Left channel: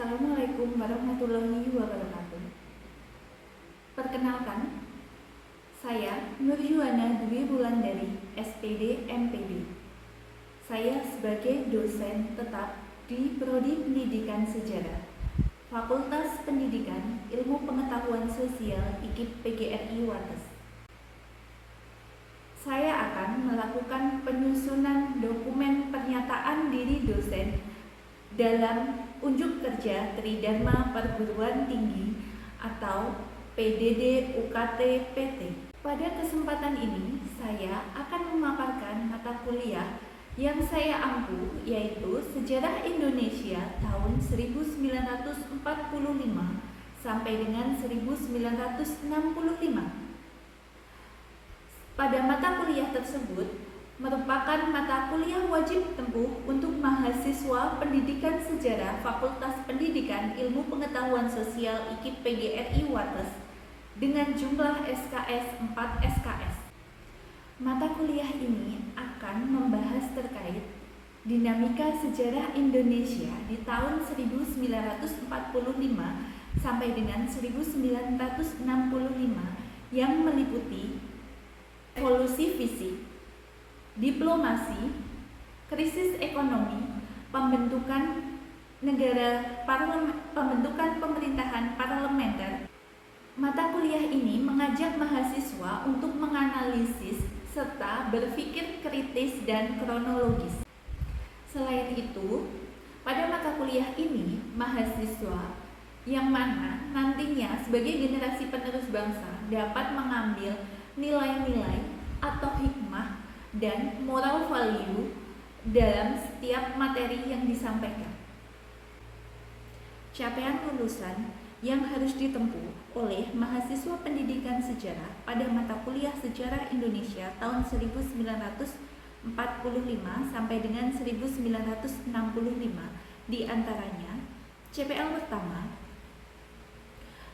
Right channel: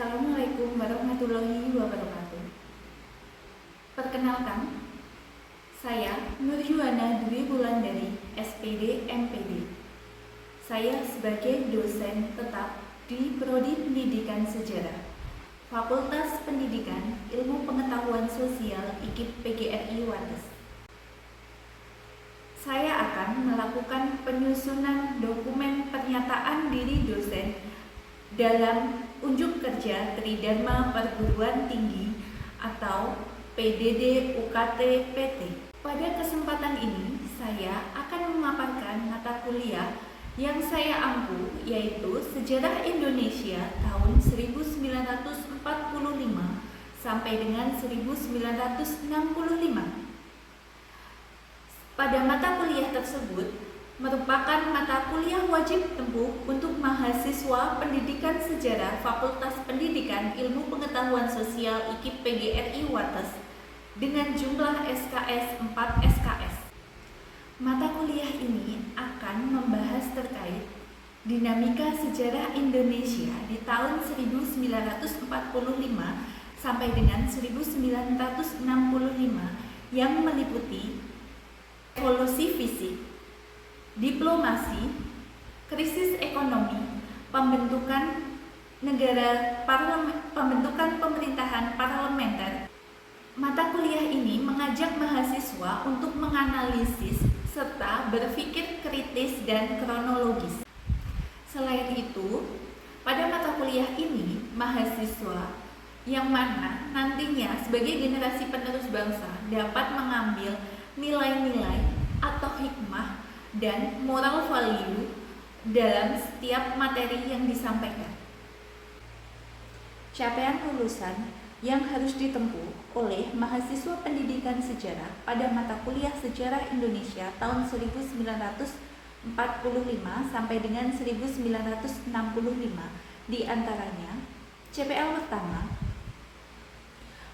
Assalamualaikum warahmatullahi wabarakatuh. Perkenalkan, saya Nur Yuwana Dwi Wulandari, SPD MPD. Saya sebagai dosen tetap di Prodi Pendidikan Sejarah, Fakultas Pendidikan Ilmu Pengetahuan Sosial IKIP PGRI Wates. Saya akan melakukan penyusunan dokumen pernyataan diri dosen dalam unjuk kerja Tridharma Perguruan Tinggi atau PDD UKT PT. Pada kesempatan ini, saya akan memaparkan mata kuliah yang saya ampu, yaitu Sejarah Indonesia tahun 1945 sampai dengan 1965. Pada mata kuliah tersebut merupakan mata kuliah wajib tempuh untuk mahasiswa Pendidikan Sejarah Fakultas Pendidikan Ilmu Pengetahuan Sosial IKIP PGRI Wates dengan jumlah SKS 4 SKS. Mata kuliah ini akan membahas terkait dinamika sejarah Indonesia di tahun 1945 sampai dengan 1965 yang meliputi evolusi fisik, diplomasi, krisis ekonomi, pembentukan pembentukan pemerintahan parlementer. Mata kuliah ini mengajak mahasiswa untuk menganalisis serta berpikir kritis dan kronologis. Selain itu, pada mata kuliah ini, mahasiswa yang mana nantinya sebagai generasi penerus bangsa dapat mengambil nilai-nilai atau hikmah dan moral value dalam setiap materi yang disampaikan. Capaian lulusan yang harus ditempuh oleh mahasiswa pendidikan sejarah pada mata kuliah Sejarah Indonesia tahun 1945 sampai dengan 1965 di antaranya CPL pertama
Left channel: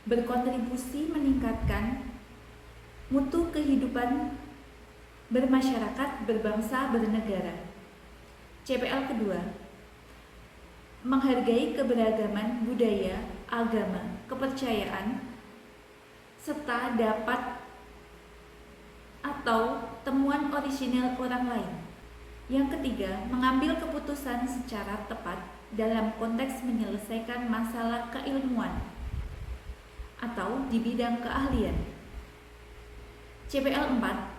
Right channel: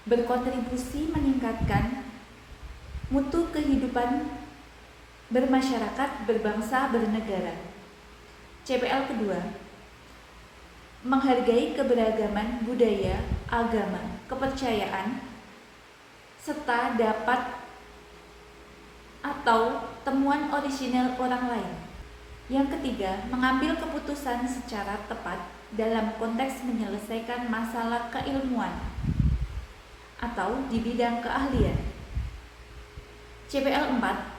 berkontribusi meningkatkan mutu kehidupan bermasyarakat, berbangsa, bernegara. CPL kedua, menghargai keberagaman budaya, agama, kepercayaan, serta dapat atau temuan orisinal orang lain. Yang ketiga, mengambil keputusan secara tepat dalam konteks menyelesaikan masalah keilmuan atau di bidang keahlian. CPL 4,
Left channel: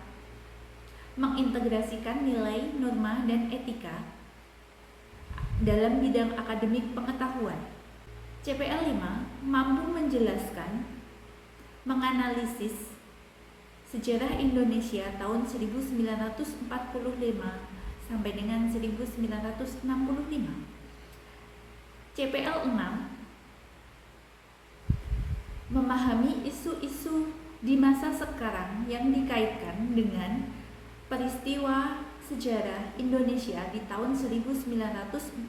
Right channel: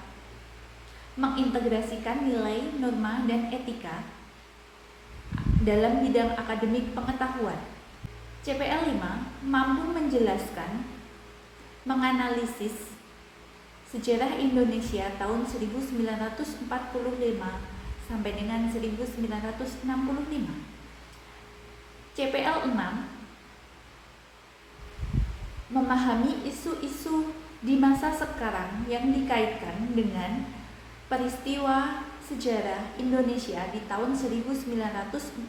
mengintegrasikan nilai, norma, dan etika dalam bidang akademik pengetahuan. CPL 5, mampu menjelaskan, menganalisis sejarah Indonesia tahun 1945 sampai dengan 1965. CPL 6, memahami isu-isu di masa sekarang yang dikaitkan dengan peristiwa sejarah Indonesia di tahun 1945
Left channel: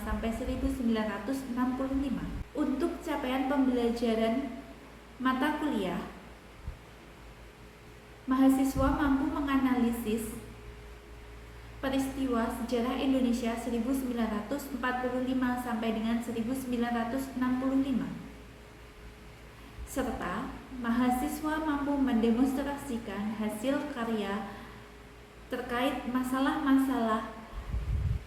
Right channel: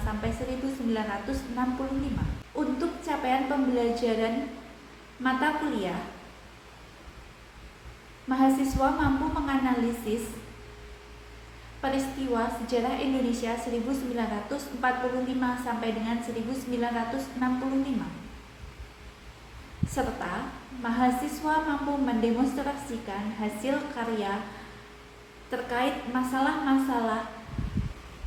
sampai 1965. Untuk capaian pembelajaran mata kuliah, mahasiswa mampu menganalisis peristiwa sejarah Indonesia 1945 sampai dengan 1965. Serta mahasiswa mampu mendemonstrasikan hasil karya terkait masalah-masalah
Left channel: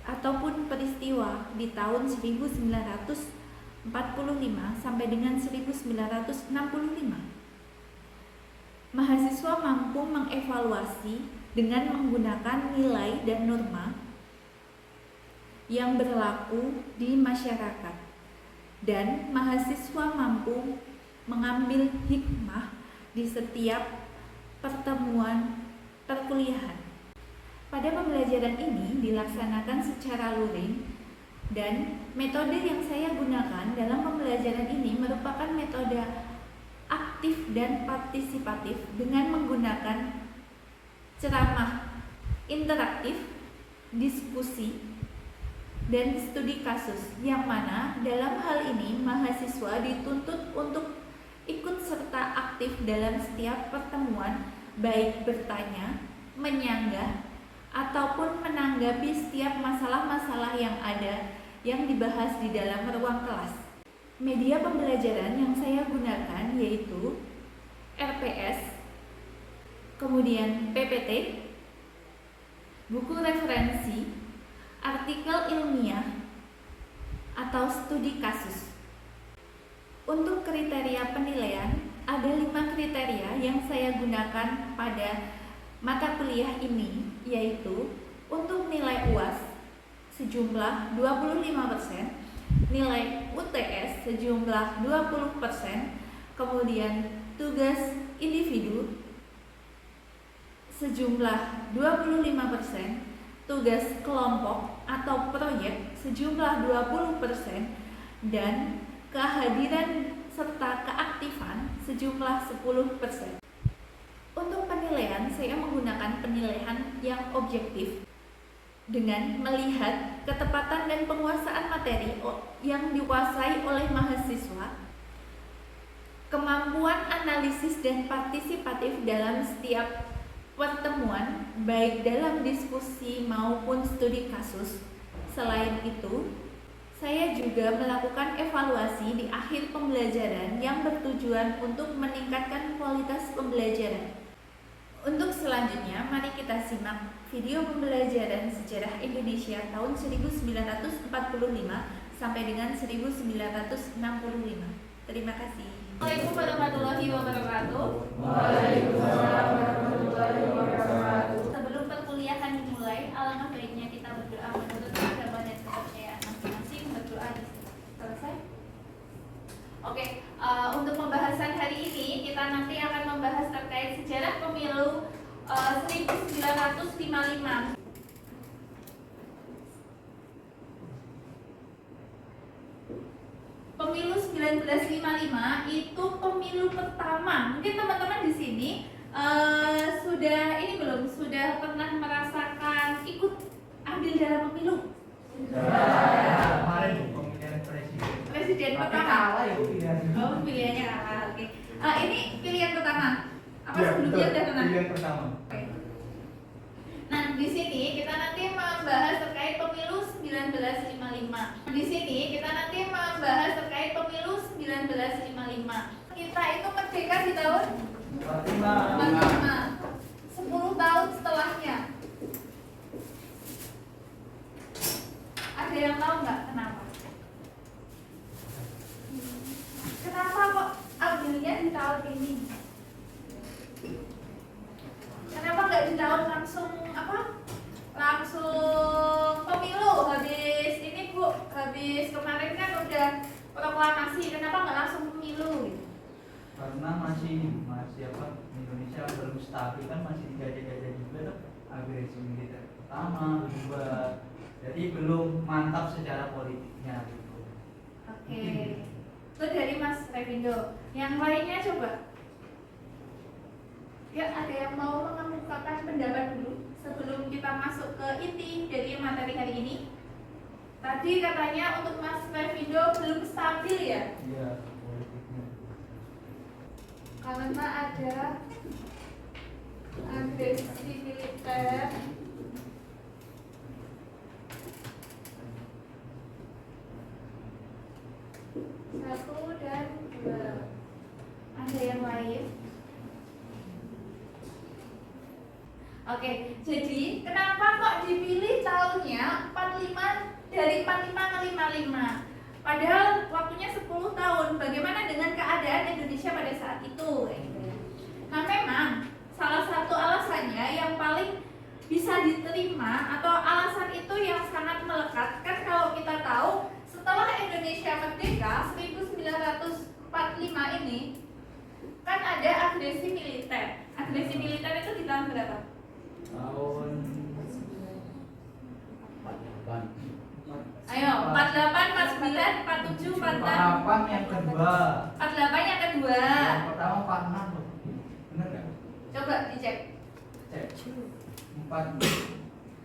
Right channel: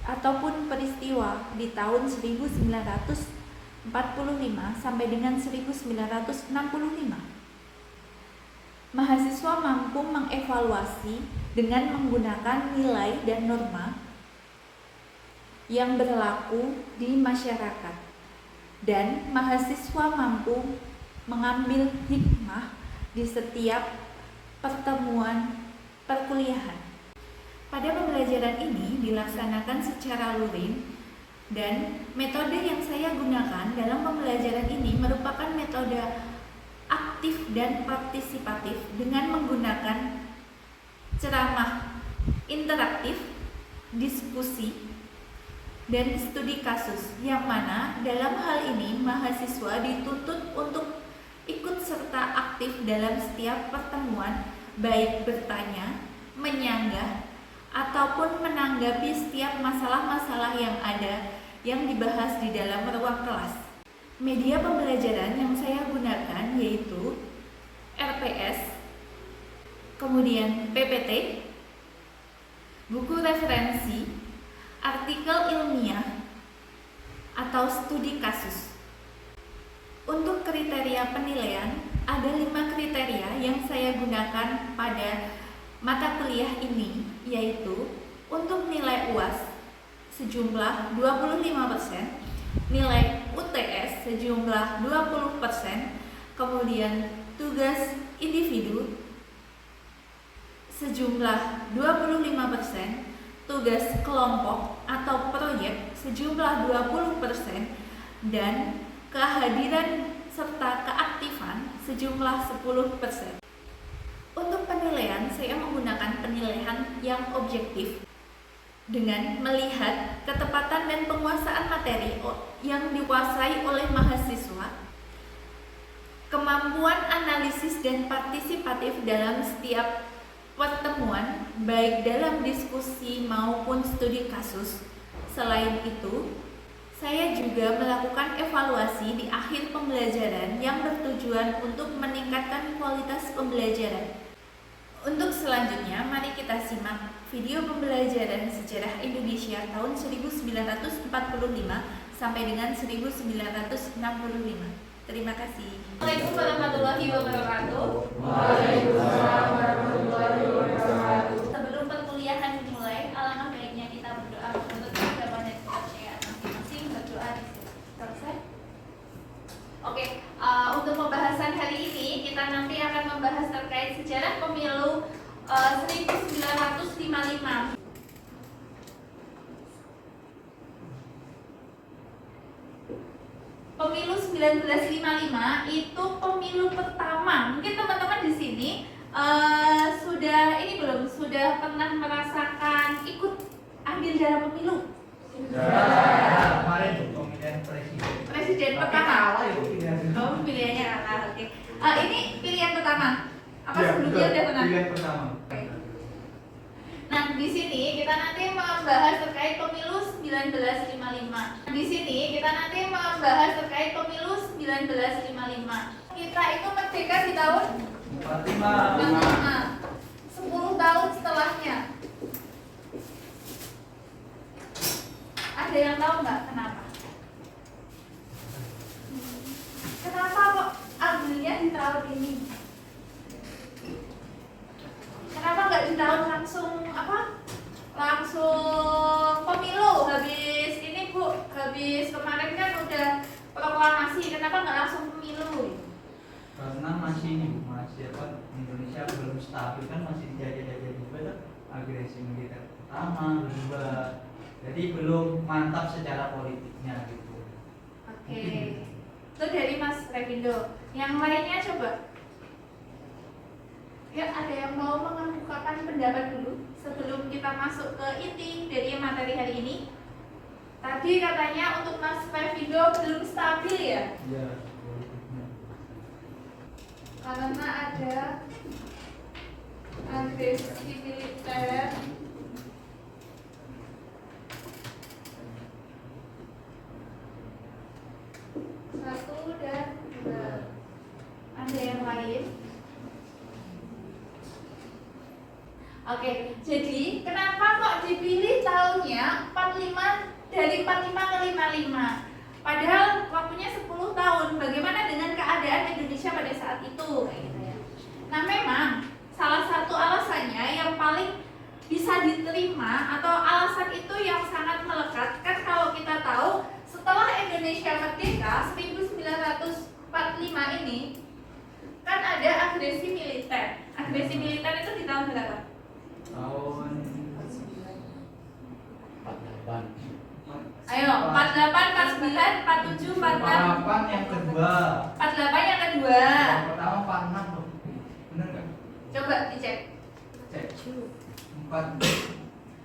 ataupun peristiwa di tahun 1945 sampai dengan 1965. Mahasiswa mampu mengevaluasi dengan menggunakan nilai dan norma yang berlaku di masyarakat, dan mahasiswa mampu mengambil hikmah di setiap pertemuan perkuliahan. Pada pembelajaran ini dilaksanakan secara luring, dan metode yang saya gunakan dalam pembelajaran ini merupakan metode aktif dan partisipatif dengan menggunakan ceramah interaktif, diskusi, dan studi kasus, yang mana dalam hal ini mahasiswa dituntut untuk ikut serta aktif dalam setiap pertemuan, baik bertanya, menyanggah, ataupun menanggapi setiap masalah-masalah yang ada yang dibahas di dalam ruang kelas. Media pembelajaran yang saya gunakan yaitu RPS, kemudian PPT, buku referensi, artikel ilmiah, atau studi kasus. Untuk kriteria penilaian, ada 5 kriteria yang saya gunakan pada mata kuliah ini, yaitu untuk nilai UAS sejumlah 25%, nilai UTS sejumlah 20%, kemudian tugas individu sejumlah 25%, tugas kelompok atau proyek sejumlah 20%, dan kehadiran serta keaktifan sejumlah 10%. Untuk penilaian, saya menggunakan penilaian yang objektif dengan melihat ketepatan dan penguasaan materi yang dikuasai oleh mahasiswa, kemampuan analisis dan partisipatif dalam setiap pertemuan, baik dalam diskusi maupun studi kasus. Selain itu, saya juga melakukan evaluasi di akhir pembelajaran yang bertujuan untuk meningkatkan kualitas pembelajaran. Untuk selanjutnya, mari kita simak video pembelajaran sejarah Indonesia tahun 1945 sampai dengan 1965. Terima kasih. Assalamualaikum warahmatullahi wabarakatuh. Waalaikumsalam warahmatullahi wabarakatuh. Sebelum perkuliahan dimulai, alangkah baiknya kita berdoa menurut agama dan kepercayaan masing-masing. Berdoa selesai. Oke, untuk pembahasan hari ini kita nanti akan membahas terkait sejarah pemilu 1955. Pemilu 1955 itu pemilu pertama. Mungkin teman-teman di sini sudah pernah merasakan ikut ambil dalam pemilu? Kemarin pemilihan Presiden pertama. Kalah ya pilihan. Oh, pilihannya kalah. Oke. Ini pilihan pertama. Apa Ya, sebelumnya betul. udah pernah? Pilihan pertama. Oke. Nah, di sini kita nanti membahas terkait pemilu 1955. Di sini kita nanti membahas terkait pemilu 1955. Kita itu merdeka di tahun 45. 10 tahun setelahnya. Ada yang tahu nggak kenapa? Kenapa kok ambilnya di tahun ini? Kenapa nggak di tahun langsung pemilu habis ini Bu, habis kemarin kan udah proklamasi, kenapa nggak langsung pemilu? Karena masih Indonesia belum stabil, kan masih dijajah-jajah juga tuh, agresi militer pertama, kedua, jadi belum mantap secara politiknya gitu. Oke. Itu dari Mas Revindo. Yang lainnya coba. Ya, ada yang mau mengemukakan pendapat dulu sebelum kita masuk ke inti dari materi hari ini? Tadi katanya untuk Mas Revindo belum stabil ya? Iya, politiknya. Karena ada agresi militer. Satu dan dua. Ada yang lain? Oke, jadi kenapa kok dipilih tahunnya 45 dari 45 ke 55? Padahal waktunya 10 tahun. Bagaimana dengan keadaan Indonesia pada saat itu? Nah, memang salah satu alasannya yang paling bisa diterima atau alasan itu yang sangat melekat kan, kalau kita tahu setelah Indonesia merdeka 1945 ini kan ada agresi militer. Agresi militer itu di tahun berapa? Tahun 48. Ayo, 48, 49, 47, 46. 48 yang kedua. 48 yang kedua. Yang pertama 46 loh. Bener nggak? Coba dicek. Cek. 4.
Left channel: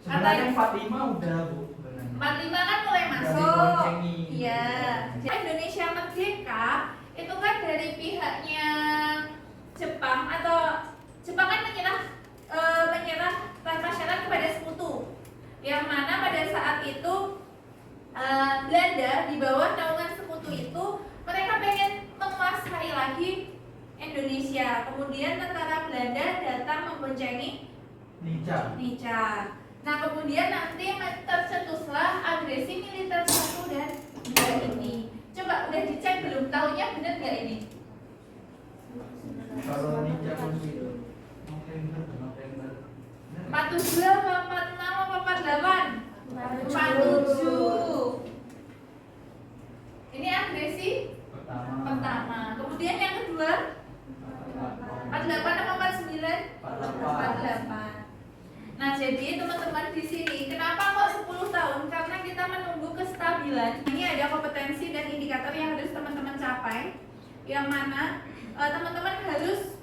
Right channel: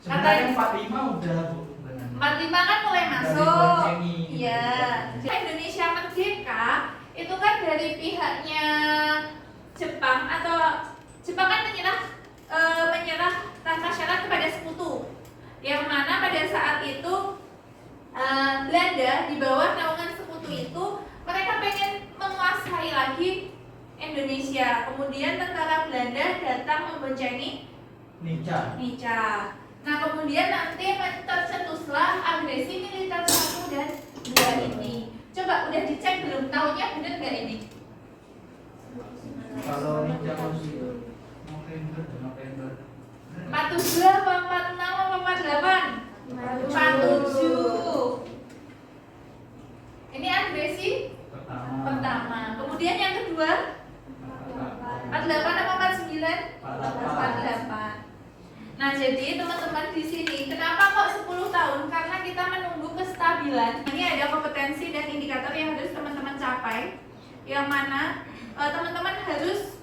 Sebenarnya 45 udah Bu. Sebenarnya. 45 kan mulai Udah masuk. diboncengi. Iya. Jadi Indonesia merdeka itu kan dari pihaknya Jepang, atau Jepang kan menyerah tanpa syarat kepada sekutu. Yang mana pada saat itu Belanda di bawah naungan sekutu itu mereka pengen menguasai lagi Indonesia. Kemudian tentara Belanda datang memboncengi Nica. Nah kemudian nanti tercetuslah agresi militer 1 dan 2 ini. Coba udah dicek belum? Tahunnya bener nggak ini? Kalau Nica masih November 47 apa 46 apa 48? 47. Ini agresi pertama. Kemudian yang kedua 48 apa 49? 48. Nah, jadi teman-teman di sini kenapa kok 10 tahun? Karena kita menunggu kestabilan. Ini ada kompetensi dan indikator yang harus teman-teman capai. Yang mana teman-teman harus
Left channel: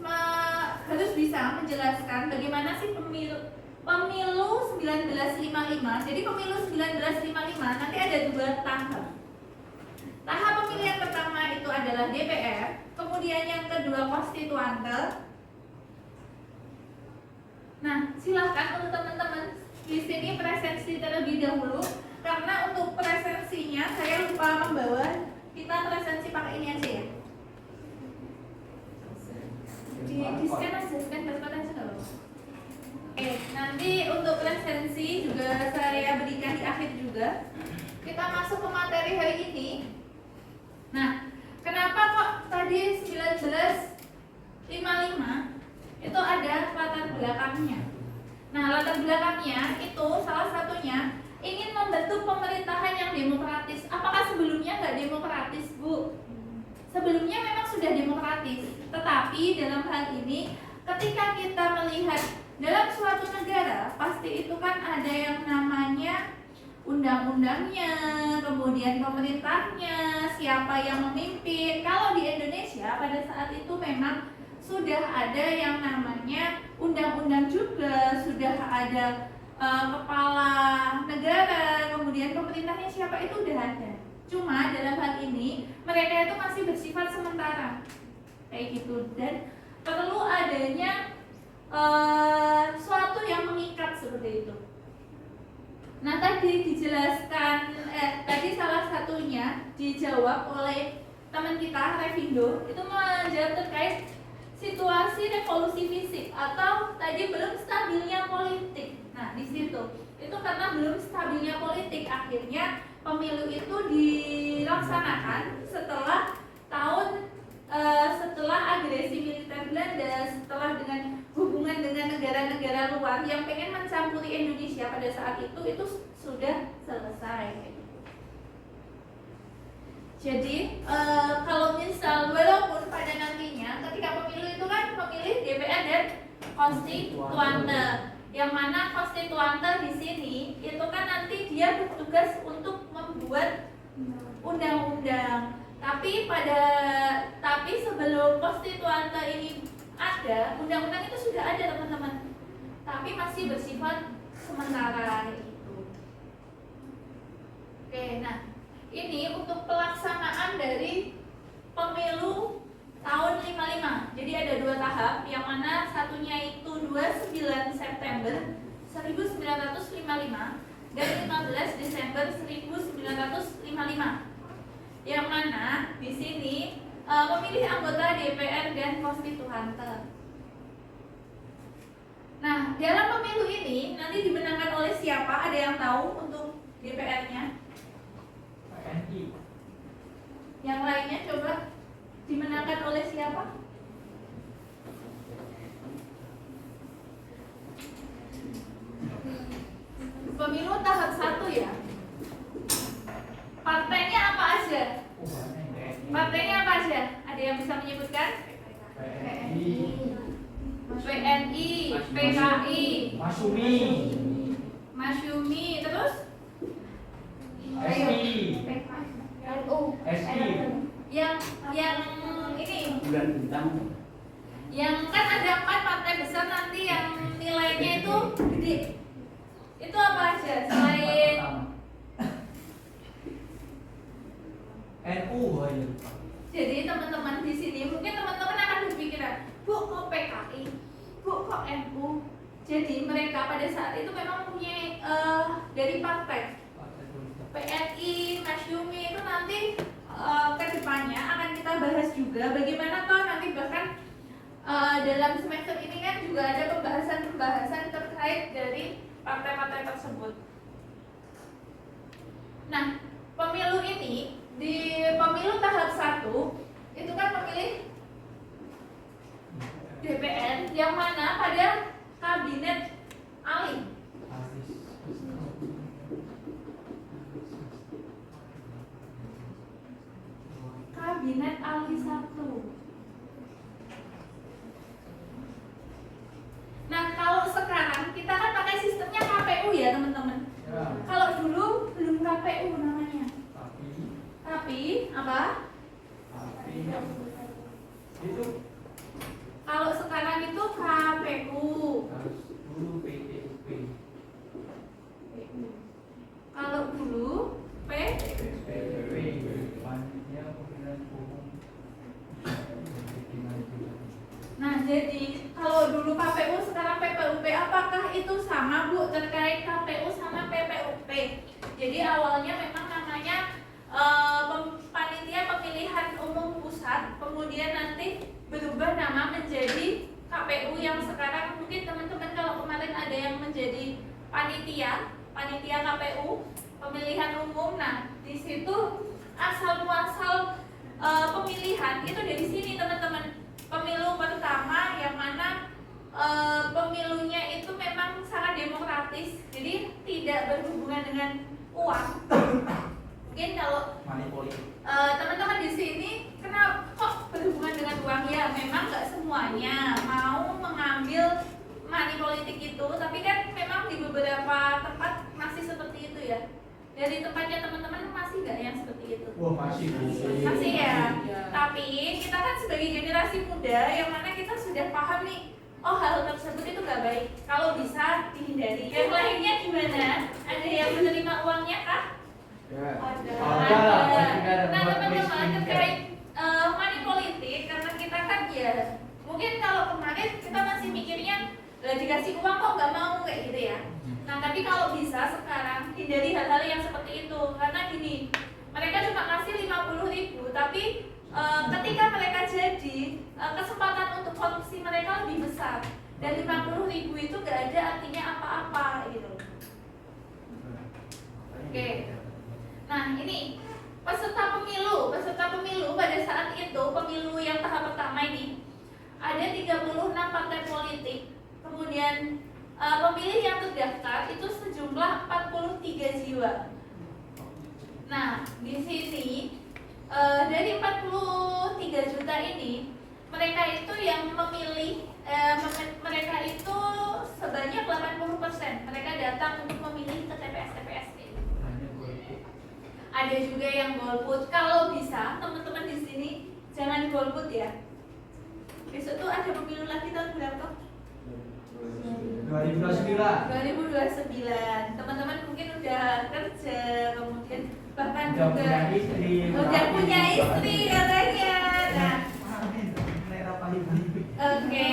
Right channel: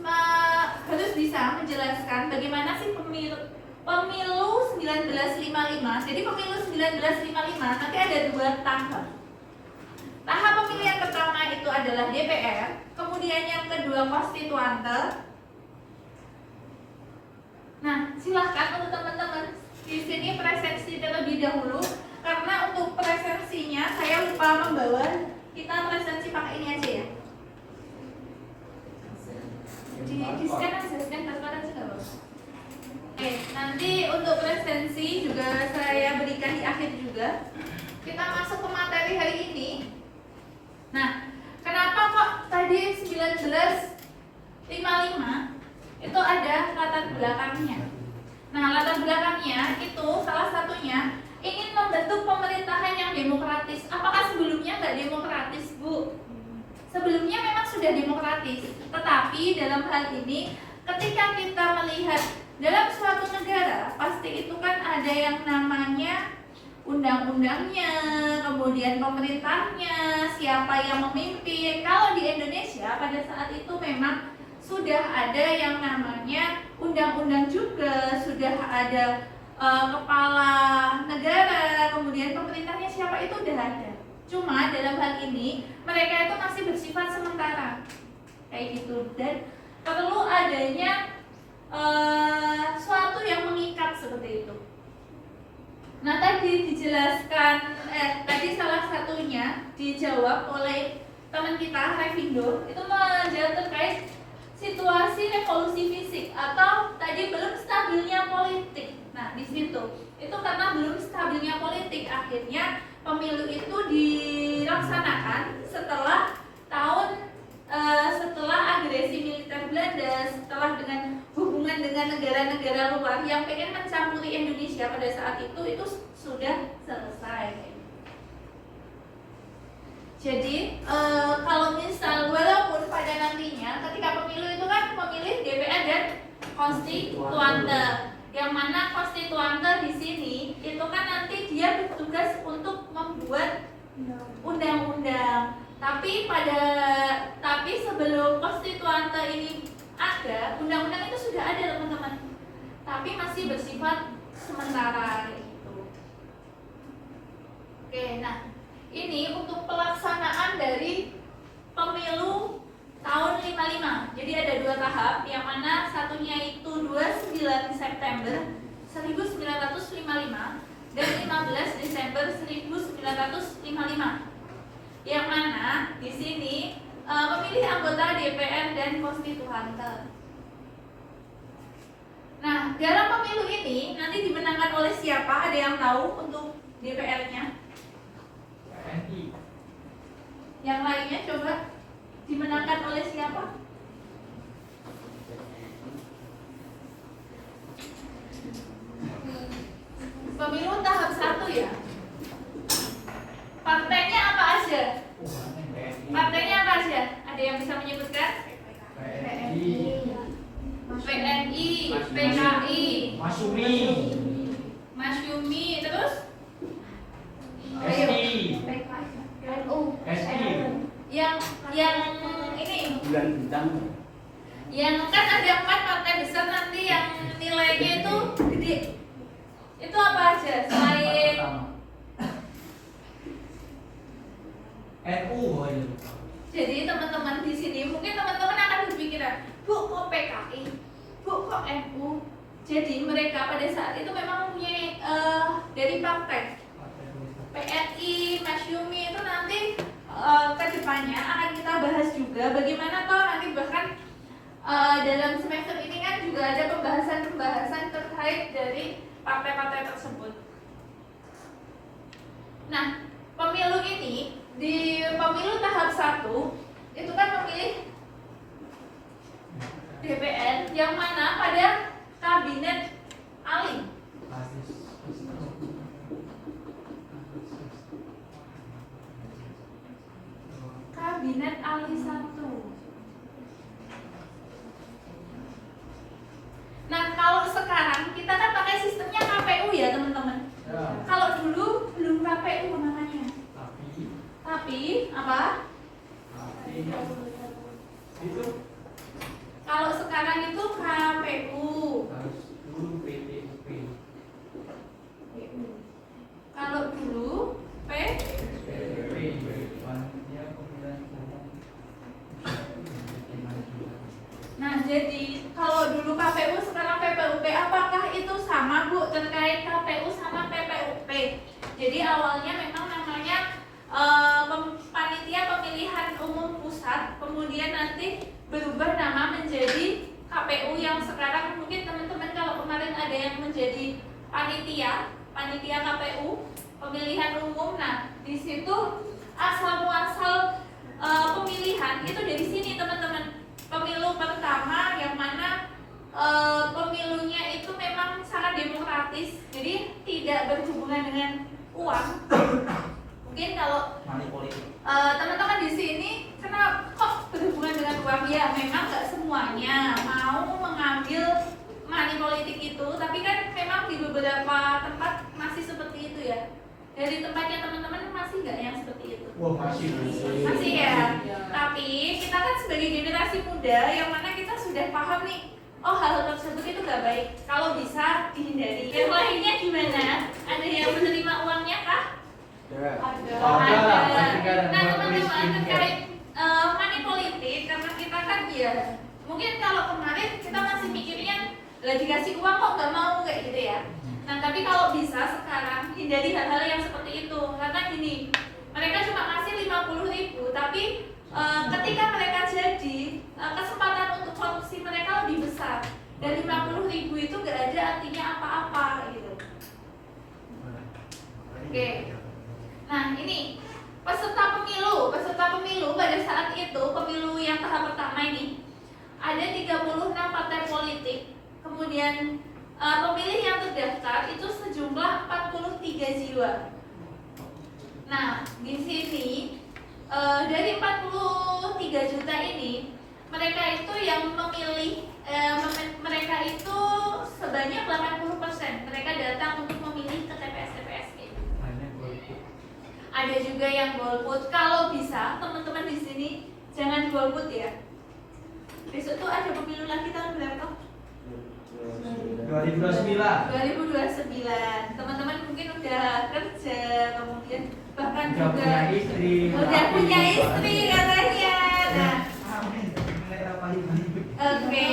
bisa menjelaskan bagaimana sih pemilu 1955. Jadi pemilu 1955 nanti ada 2 tahap. Tahap pemilihan pertama itu adalah DPR, kemudian yang kedua konstituante. Nah, silahkan untuk teman-teman di sini presensi terlebih dahulu, karena untuk presensinya saya lupa membawa. Kita presensi pakai ini aja ya. Di scan aja, scan barcode aja nggak apa-apa. Oke, nanti untuk presensi juga saya berikan di akhir juga. Kita masuk ke materi hari ini. Nah, kenapa kok tadi 1955 itu ada latar belakangnya. Nah, latar belakangnya itu salah satunya ingin membentuk pemerintahan yang demokratis. Apakah sebelumnya nggak demokratis, Bu? Sebelumnya memang sudah demokratis, tetapi dalam hal ini ketika kita melihat dalam suatu negara, pasti itu kan ada yang namanya undang-undangnya, kemudian pemerintahnya, siapa yang memimpin. Kalau di Indonesia pada saat itu memang sudah ada yang namanya undang-undang juga, sudah ada kepala negara, kemudian pemerintahnya siapa itu udah ada. Cuma dalam hal ini mereka itu masih bersifat sementara kayak gitu, dan perlu adanya suatu yang mengikat seperti itu. Nah tadi dijelaskan, tadi salah satunya dijawab oleh teman kita Revindo, itu menjawab terkait situasi revolusi fisik atau tadi belum stabilnya politik. Nah di situ itu karena belum stabilnya politik, akhirnya pemilu itu dilaksanakan setelah setelah agresi militer Belanda, setelah dengan hubungan dengan negara-negara luar yang pengen mencampuri Indonesia pada saat itu sudah selesai. Jadi kalau misal walaupun pada nantinya ketika pemilu itu kan memilih DPR dan konstituante, yang mana konstituante di sini itu kan nanti dia bertugas untuk membuat undang-undang. Tapi sebelum konstituante ini ada, undang-undang itu sudah ada teman-teman. Tapi masih bersifat sementara itu. Oke, nah ini untuk pelaksanaan dari pemilu tahun 55. Jadi ada 2 tahap, yang mana satunya itu 29 September 1955 dan 15 Desember 1955. Yang mana di sini memilih anggota DPR dan konstituante. Nah, dalam pemilu ini nanti dimenangkan oleh siapa? Ada yang tahu untuk DPR-nya? TNI. Yang lainnya coba dimenangkan oleh siapa? Pemilu tahap 1 ya. Partainya apa aja? Partainya apa aja? Ada yang bisa menyebutkan? PNI, PKI, Masyumi, terus? SI. Yang ini Bulan Bintang. yang kan ada 4 partai besar nanti yang nilainya itu gede. Itu apa aja selain NU aja. Jadi teman-teman di sini mungkin teman-teman akan berpikiran, Bu kok PKI, Bu kok NU. Jadi mereka pada saat itu memang mempunyai dari partai PNI, Masyumi, juga bagaimana toh nanti bahkan dalam semester ini kan juga ada pembahasan terkait dari partai-partai tersebut. Nah, pemilu ini di pemilu tahap 1 itu kan memilih DPR yang mana pada kabinet Ali. Kabinet Ali 1. Nah, kalau sekarang kita kan pakai sistemnya KPU ya, teman-teman. Ya. Kalau dulu belum KPU namanya. Tapi apa? Itu Kalau sekarang itu KPU. harus dulu PTUP. Kalau dulu PTUP Panitia Pemilihan Umum. Nah, jadi kalau dulu KPU sekarang PPUP, apakah itu sama Bu terkait KPU sama PPUP? Jadi awalnya memang namanya Panitia Pemilihan Umum Pusat, kemudian nanti berubah nama menjadi KPU yang sekarang mungkin teman-teman kalau kemarin ada yang menjadi panitia KPU pemilihan umum. Nah, di situ asal muasal pemilihan itu dari sini teman-teman. Pemilu pertama yang mana pemilunya itu memang sangat demokratis, jadi tidak berhubungan dengan uang. Mungkin kalau Money politik. teman-teman di sini kenapa kok berhubungan dengan uang, ya memang nggak semuanya mau mengambil money politik itu, tapi kan memang di beberapa tempat masih seperti itu ya. Dari tempatnya teman-teman masih nggak yang seperti itu? Wah, masih Masih ya. Tapi kita kan sebagai generasi muda yang mana kita sudah paham nih, oh hal tersebut itu nggak baik, kalau bisa dihindari. Yang lainnya gimana? Ada yang menerima uangnya kah? Ada. Nah, teman-teman terkait money politik, karena kita kan ya mungkin kalau kemarin kita masih mikirnya lah dikasih uang kok nggak mau kayak gitu ya. Nah, tapi kalau bisa sekarang hindari hal-hal yang seperti itu, karena gini, mereka cuma ngasih 50.000, tapi ketika mereka jadi kesempatan untuk korupsi mereka lebih besar, dan 50.000 itu gak ada artinya apa-apa gitu. Oke. Nah, ini peserta pemilu pada saat itu, pemilu yang tahap pertama ini ada 36 partai politik, kemudian pemilih yang terdaftar itu sejumlah 43 jiwa. Nah, di sini dari 43 juta ini, mereka itu yang memilih, mereka itu sebanyak 80% mereka datang untuk memilih ke TPS-TPS ini. Ada juga yang golput. Kalau bisa, teman-teman di sini jangan golput ya. Besok tuh ada pemilu lagi tahun berapa? 2029. Teman-teman mungkin udah kerja, kemudian bahkan Udah juga punya istri. udah punya istri katanya. Nah, oke.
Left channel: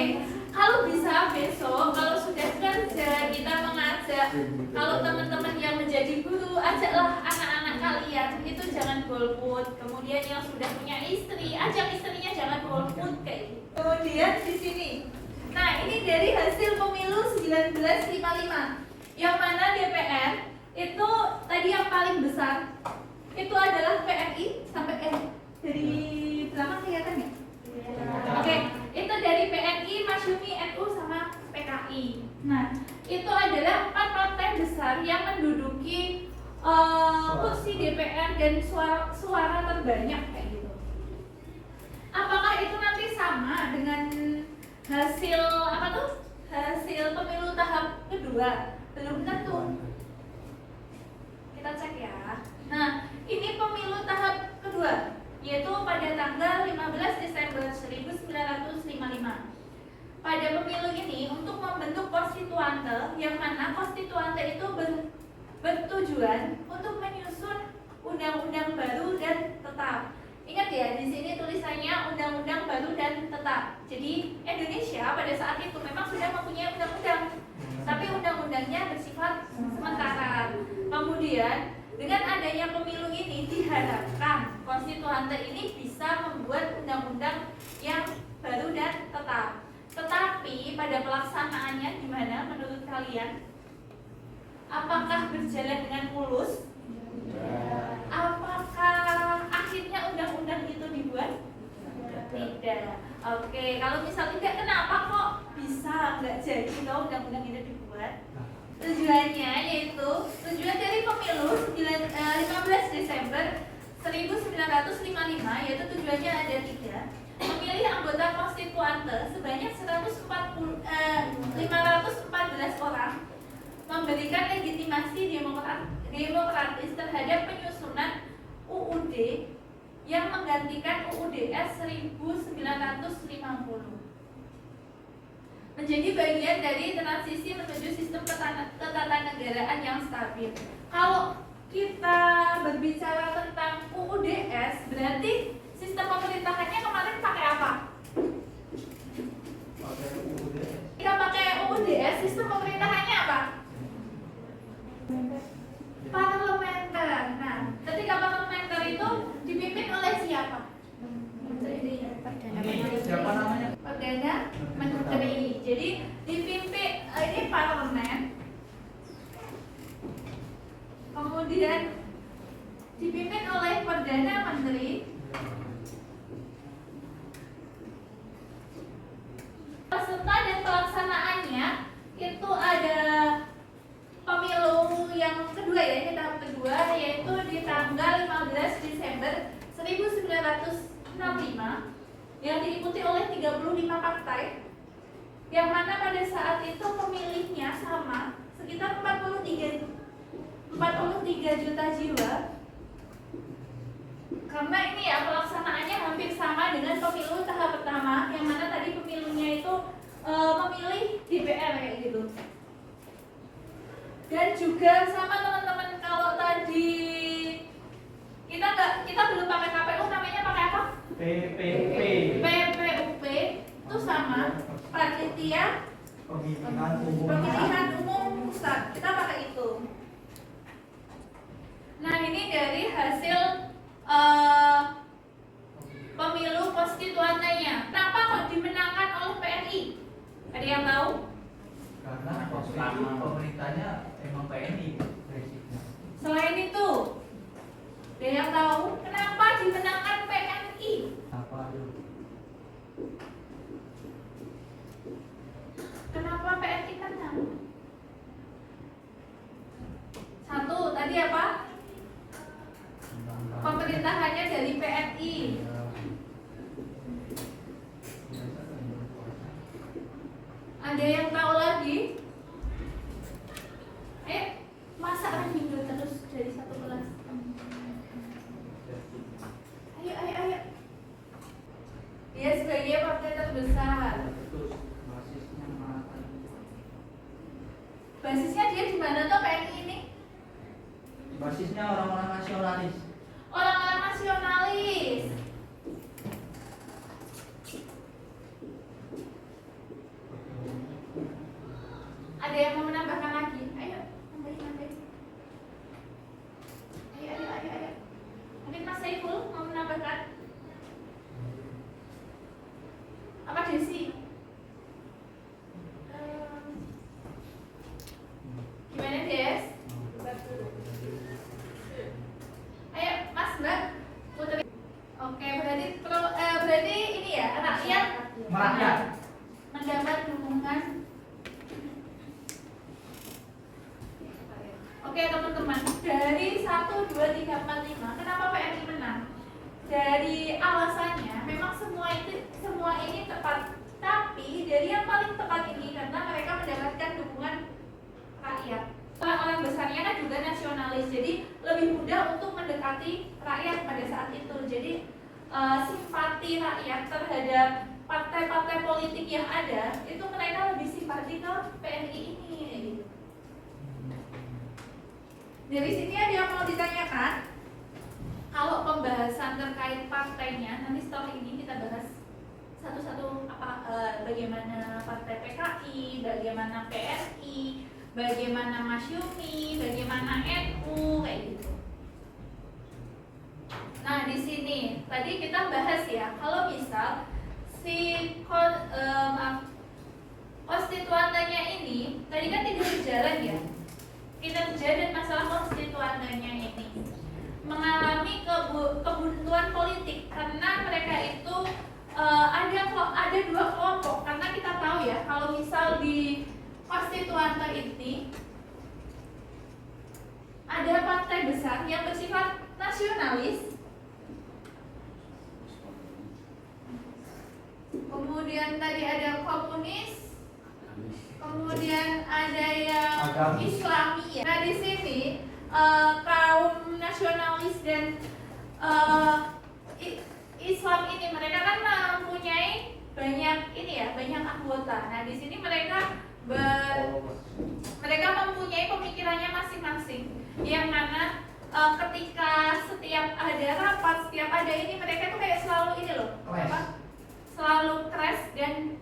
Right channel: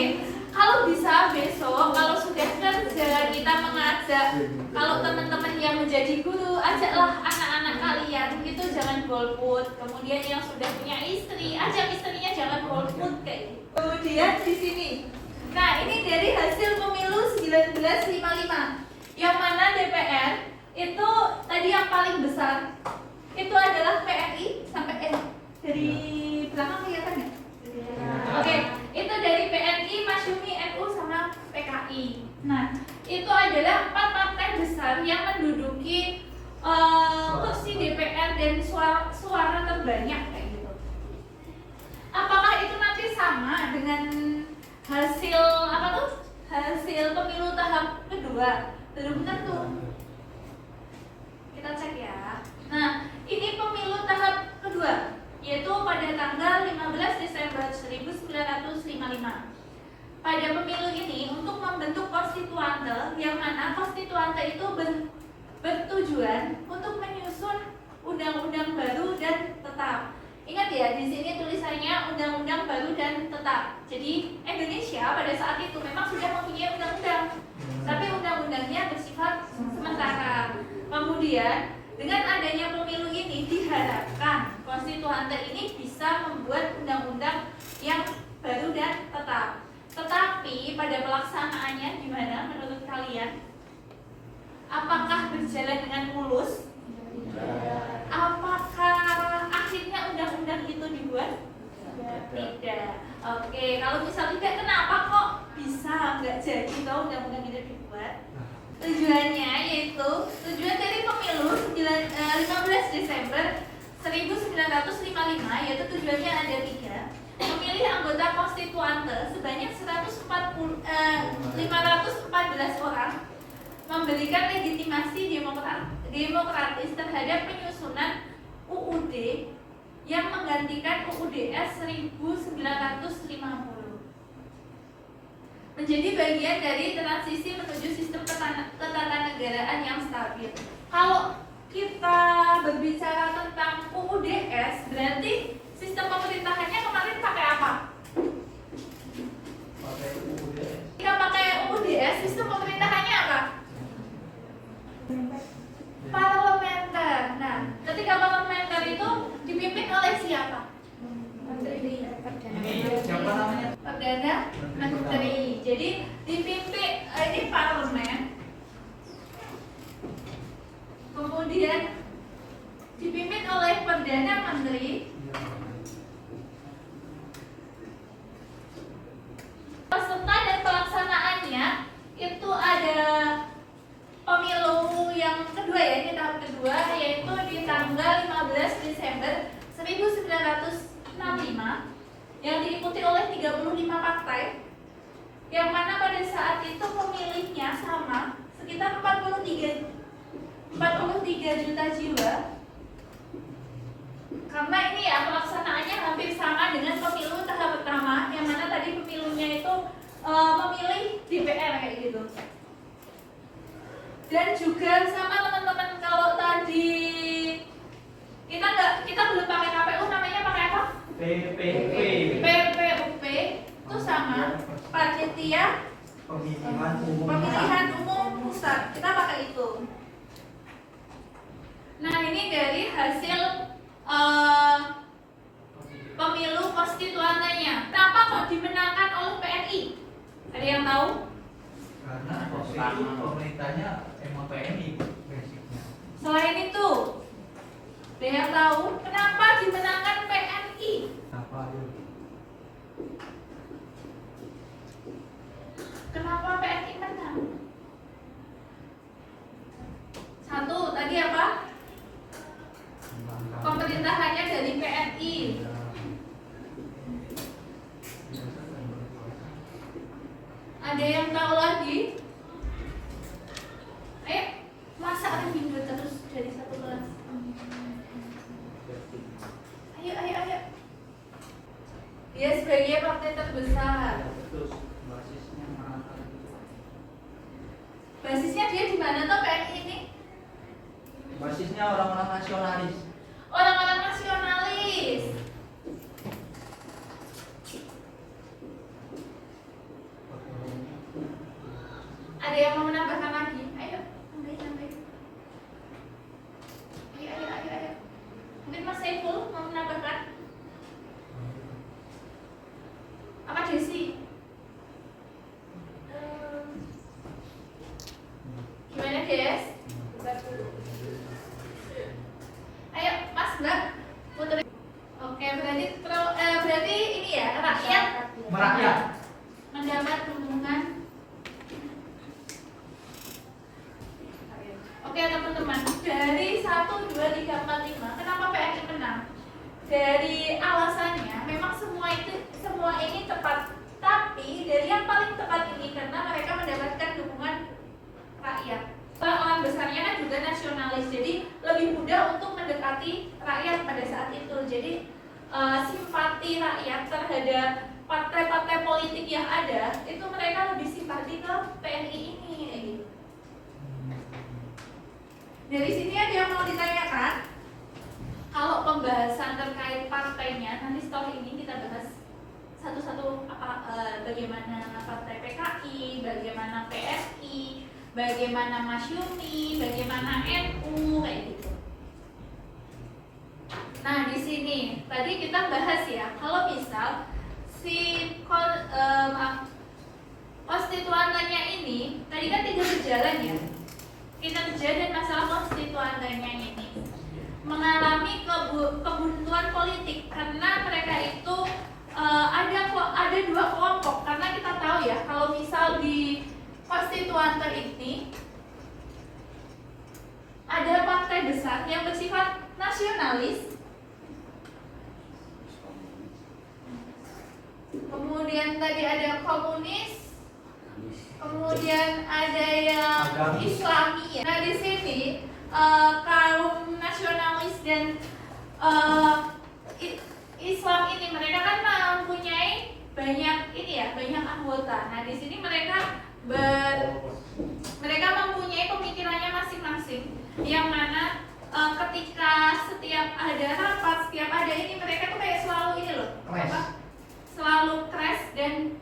Kalau bisa besok, kalau sudah kerja kita mengajak, kalau teman-teman yang menjadi guru, ajaklah anak-anak kalian itu jangan golput. Kemudian yang sudah punya istri, ajak istrinya jangan golput kayak gitu. Kemudian di sini, nah ini dari hasil pemilu 1955, yang mana DPR itu tadi yang paling besar itu adalah PNI sampai dari belakang kelihatan nggak? Oke, itu dari PNI, Masyumi, NU sama PKI. Nah, itu adalah 4 partai besar yang menduduki kursi DPR dan suara terbanyak kayak gitu. Apakah itu nanti sama dengan hasil apa tuh? Hasil pemilu tahap kedua? Belum tentu. Kita cek ya. Nah, ini pemilu tahap kedua, yaitu pada tanggal 15 Desember 1955. Pada pemilu ini untuk membentuk konstituante, yang mana konstituante itu bertujuan untuk menyusun undang-undang baru dan tetap. Ingat ya, di sini tulisannya undang-undang baru dan tetap. Jadi Indonesia pada saat itu memang sudah mempunyai undang-undang, tapi undang-undangnya bersifat sementara. Kemudian dengan adanya pemilu ini diharapkan konstituante lantai ini bisa membuat undang-undang yang baru dan tetap. Tetapi pada pelaksanaannya gimana menurut kalian? Apakah berjalan dengan mulus? Apakah akhirnya undang-undang itu dibuat? Tidak. Oke, kalau misal tidak, kenapa kok bisa nggak jadi kalau undang-undang itu dibuat? Tujuannya yaitu tujuan dari pemilu 15 Desember 1955, yaitu tujuannya ada 3: memilih anggota konstituante sebanyak 514 orang, memberikan legitimasi demokratis terhadap penyusunan UUD yang menggantikan UUDS 1950, menjadi bagian dari transisi menuju sistem ketatanegaraan yang stabil. Kalau kita berbicara tentang UUDS, berarti sistem pemerintahannya kemarin pakai apa? Pakai UUDS. Kita pakai UUDS, sistem pemerintahannya apa? Parlementer. Nah, ketika parlementer itu dipimpin oleh siapa? Ini siapa namanya? Perdana Menteri. Jadi dipimpin ini parlemen, kemudian dipimpin oleh Perdana Menteri. Peserta dan pelaksanaannya itu ada pemilu yang kedua ya, ini tahap kedua, yaitu di tanggal 15 Desember 1965 yang diikuti oleh 35 partai, yang mana pada saat itu pemilihnya sama sekitar 43 juta jiwa. Karena ini ya pelaksanaannya hampir sama dengan pemilu tahap pertama, yang mana tadi pemilunya itu memilih DPR kayak gitu. Dan juga sama teman-teman, kalau tadi kita belum pakai KPU, namanya pakai apa? PPUP itu sama, panitia pemilihan umum pusat, kita pakai itu. Nah, ini dari hasil pemilu konstituantenya. Kenapa kok dimenangkan oleh PNI? Ada yang tahu? Karena waktu itu pemerintahnya emang PNI basicnya. Selain itu, ada yang tahu kenapa dimenangkan PNI? Apa itu? Kenapa PNI menang? Satu, tadi apa? Pemerintahannya dari PNI. Ada yang tahu lagi? Ayo, masa minggu terus dari satu kelas? Ayo. Dia sebagai partai terbesar. Terus basisnya mana? Basisnya dia di mana tuh PNI ini? Basisnya orang-orang nasionalis. Orang-orang nasionalis. Ada yang mau menambahkan lagi? Ayo, tambahin. Ayo. Mungkin Mas Saiful mau menambahkan? Apa Desi? Gimana Des? Ayo Mas Mbak, Putri. Oke, berarti ini ya, rakyat Merakyat. mendapat dukungan. Oke teman-teman, dari 1, 2, 3, 4, 5, kenapa PNI menang? Dari alasannya, memang semua ini tepat. Tapi dari yang paling tepat ini karena mereka mendapatkan dukungan rakyat. Orang besarnya kan juga nasionalis, jadi lebih mudah untuk mendekati rakyat pada saat itu. Jadi simpati rakyat terhadap partai-partai politik yang ada, itu mereka lebih simpati ke PNI ini gitu. Dari sini ada yang mau ditanyakan? Kalau pembahasan terkait partainya, nanti setelah ini kita bahas satu-satu bagaimana partai PKI, bagaimana PSI, bagaimana Masyumi, bagaimana NU kayak gitu. Nah, di sini tadi kita bahas ya, kalau misal si konstituantanya ini tadi kan 3 berjalan ya, kinerja dan masalah konstituantanya ini mengalami kebuntuan politik karena mereka itu ada 2 kelompok. Karena kita tahu ya, kalau misal di konstituante ini ada partai besar yang bersifat nasionalis, kemudian tadi ada komunis, kemudian ada yang Islami ya. Nah di sini kaum nasionalis dan Islam ini mereka kan mempunyai banyak banyak anggota. Nah di sini mereka mempunyai pemikirannya masing-masing, yang mana ketika setiap ada rapat, setiap ada ini, mereka tuh kayak selalu ini loh, selalu crash dan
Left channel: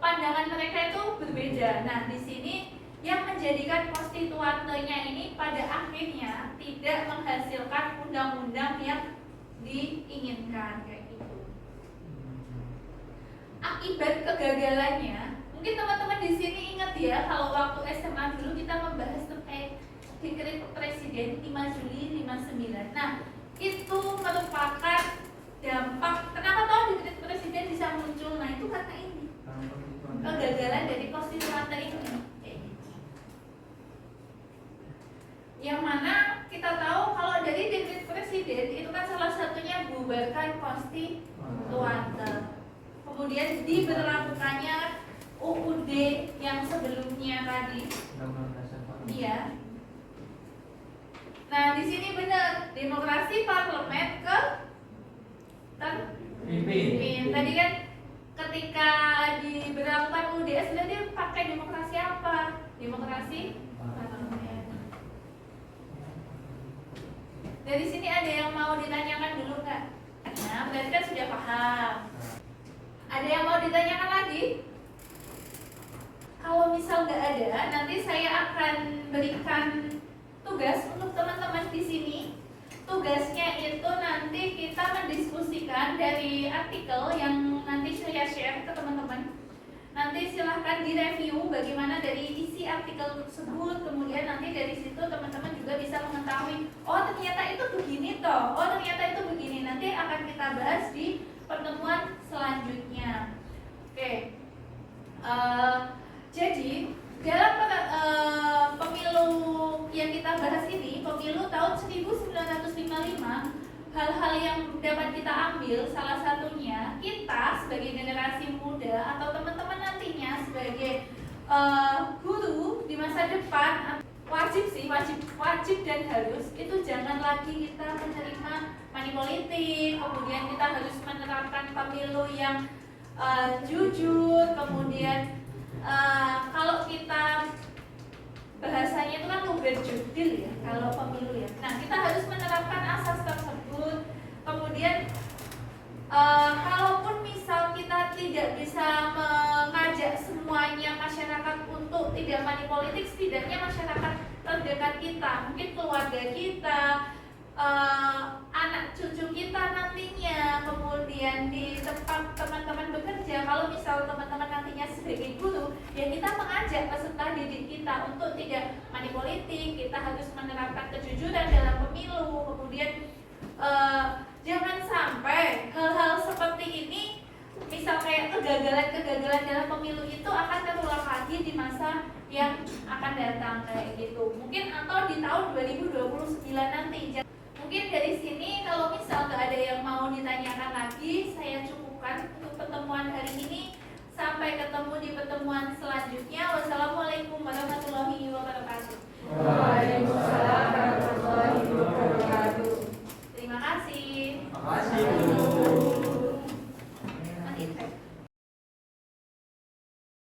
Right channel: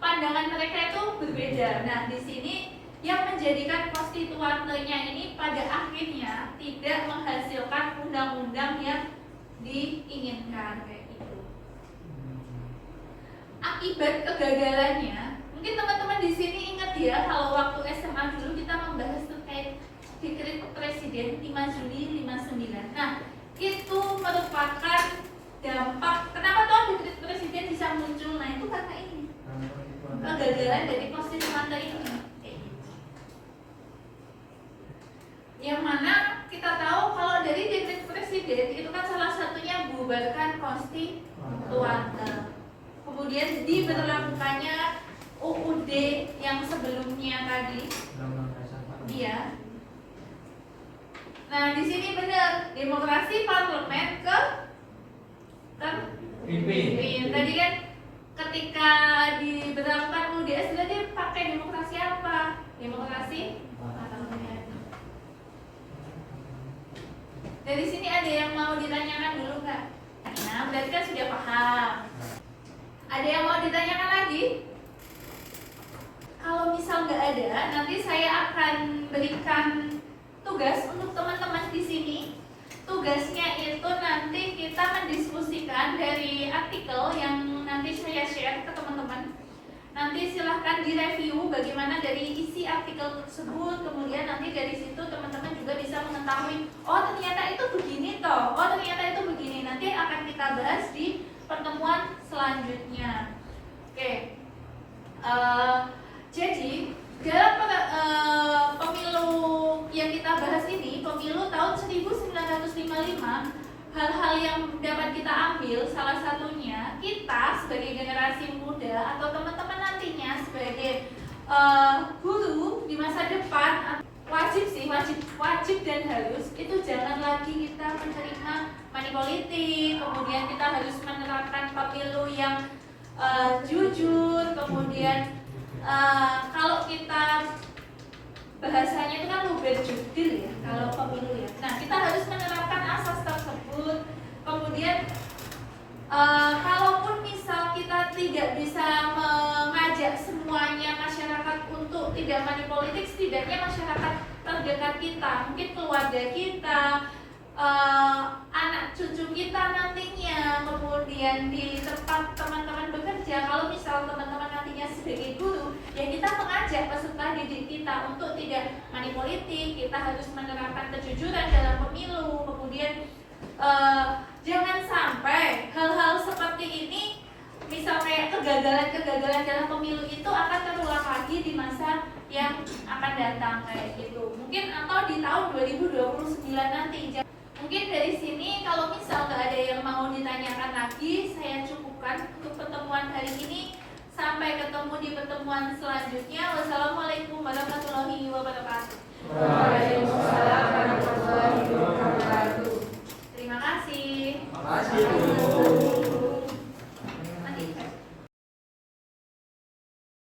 pandangan mereka itu berbeda. Nah di sini yang menjadikan konstituantenya ini pada akhirnya tidak menghasilkan undang-undang yang diinginkan kayak gitu. Akibat kegagalannya, mungkin teman-teman di sini ingat ya, kalau waktu SMA dulu kita membahas terkait dekret presiden 5 Juli 59. Nah, itu merupakan dampak kenapa toh dekret presiden bisa muncul. Nah, itu karena ini kegagalan dari konstituante ini. Yang mana kita tahu kalau dari dekret presiden itu kan salah satunya bubarkan konstituante. Kemudian diberlakukannya UUD yang sebelumnya tadi. Iya. Nah, di sini benar demokrasi parlemen terpimpin. Tadi kan ketika diberlakukan UUD sebenarnya pakai demokrasi apa? Demokrasi parlemen. Dari sini ada yang mau ditanyakan dulu nggak? Nah, berarti kan sudah paham. Ada yang mau ditanyakan lagi? Kalau misal nggak ada, nanti saya akan berikan tugas untuk teman-teman di sini. Tugasnya itu nanti kita mendiskusikan dari artikel yang nanti saya share ke teman-teman. Nanti silahkan direview bagaimana dari isi artikel tersebut. Kemudian nanti dari situ teman-teman juga bisa mengetahui, oh ternyata itu begini toh, oh ternyata itu begini. Nanti akan kita bahas di pertemuan selanjutnya. Oke. Jadi dalam pemilu yang kita bahas ini, pemilu tahun 1955, hal-hal yang dapat kita ambil salah satunya kita sebagai generasi muda atau teman-teman nantinya sebagai guru di masa depan wajib dan harus itu jangan lagi kita menerima money politik. Kemudian kita harus menerapkan pemilu yang jujur. Kemudian kalau kita bahasanya itu kan luber judil ya kalau pemilu ya. Nah kita harus menerapkan asas tersebut. Kemudian kalaupun misal kita tidak bisa mengajak semuanya masyarakat untuk tidak money politik, setidaknya masyarakat terdekat kita, mungkin keluarga kita, anak cucu kita nantinya, kemudian di tempat teman-teman bekerja. Kalau misal teman-teman nantinya sebagai guru, ya kita mengajak peserta didik kita untuk tidak money politik. Kita harus menerapkan kejujuran dalam pemilu. Kemudian jangan sampai hal-hal seperti ini, misal kayak kegagalan dalam pemilu itu akan terulang lagi di masa yang akan datang kayak gitu. Mungkin atau di tahun 2029 nanti. Mungkin dari sini kalau misal nggak ada yang mau ditanyakan lagi, saya cukupkan untuk pertemuan hari ini. Sampai ketemu di pertemuan selanjutnya. Wassalamualaikum warahmatullahi wabarakatuh. Waalaikumsalam.